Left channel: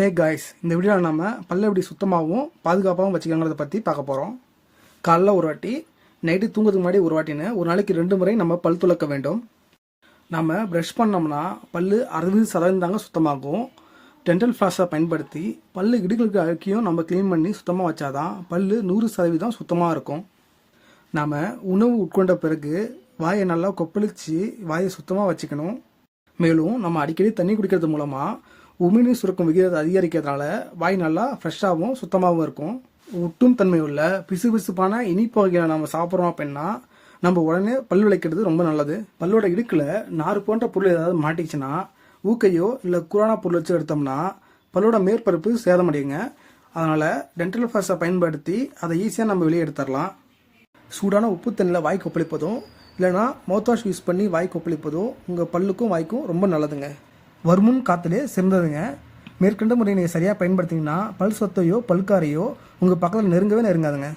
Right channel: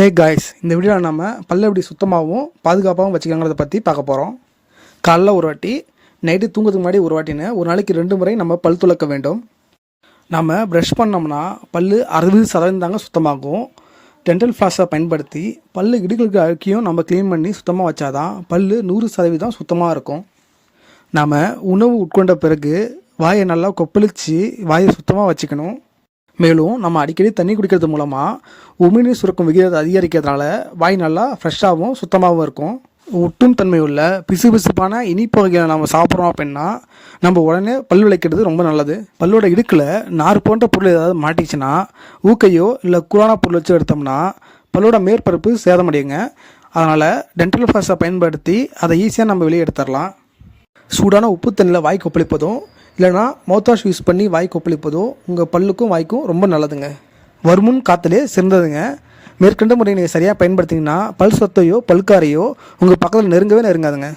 Hey guys இந்த வீடியோவில் நம்ம பல்ல எப்படி சுத்தமாகவும் பாதுகாப்பாகவும் வச்சுக்கோங்கிறத பற்றி பார்க்க போகிறோம் காலைல ஒரு வாட்டி நைட்டு தூங்குறதுக்கு முன்னாடி ஒரு வாட்டின்னு ஒரு நாளைக்கு ரெண்டு முறை நம்ம பல் துலக்க வேண்டும். நம்ம ப்ரஷ் பண்ணோம்னா பல் அறுபது சதவீதம் தாங்க சுத்தமாகும். டென்டல் ஃப்ளாஸை பயன்படுத்தி பல்லு இடுகளுக்கு அழுக்கியும் நம்ம க்ளீன் பண்ணி சுத்தமாக வச்சாதான் பல் நூறு சதவீதம் சுத்தமாக இருக்கும். நாம் உணவு உட்கொண்ட பிறகு வாயை நல்லா கொப்பளிச்சு வாயை சுத்தமாக வச்சுக்கணும். மேலும் நம்ம அடிக்கடி தண்ணி குடிக்கிறது மூலமாக உமிழ்நீர் சுரக்கும் விகிதத்தை அதிகரிக்கிறதுனால வாய் நல்லா ஃப்ரெஷ்ஷாகவும் சுத்தமாகவும் இருக்கும். ஒட்டும் தன்மை உள்ள பிசுபிசுப்பான இனிப்பு வகைகளை நம்ம சாப்பிட்றோம் அப்படின்னா நம்ம உடனே பல் விளைக்கிறது ரொம்ப நல்லது. பல்லோட இடுக்கில் நார் போன்ற பொருள் ஏதாவது மாட்டிச்சுன்னா ஊக்கையோ இல்லை கூரான பொருள் வச்சு எடுத்தோம்னா பல்லோட மேற்பரப்பு சேதமடையுங்க. அதனால் டென்டல் ஃப்ளாஸை பயன்படுத்தி அதை ஈஸியாக நம்ம வெளியே எடுத்துடலாம். சூடான உப்பு தண்ணியில் வாய் கொப்பளிப்பதும் இல்லைனா மவுத்வாஷ் யூஸ் பண்ணி வாய் கொப்பளிப்பதோ உங்கள் பல்லுக்கும் வாய்க்கும் ரொம்ப நல்லதுங்க. வருமுன் காத்தலே சிறந்ததுங்க. மேற்கண்ட முறையை நீங்கள் சரியாக பயன்படுத்திங்கன்னா பல் சொத்தையோ பல்காரையோ உங்கள் பக்கத்தில் நெருங்கவே நெருங்காதுங்க.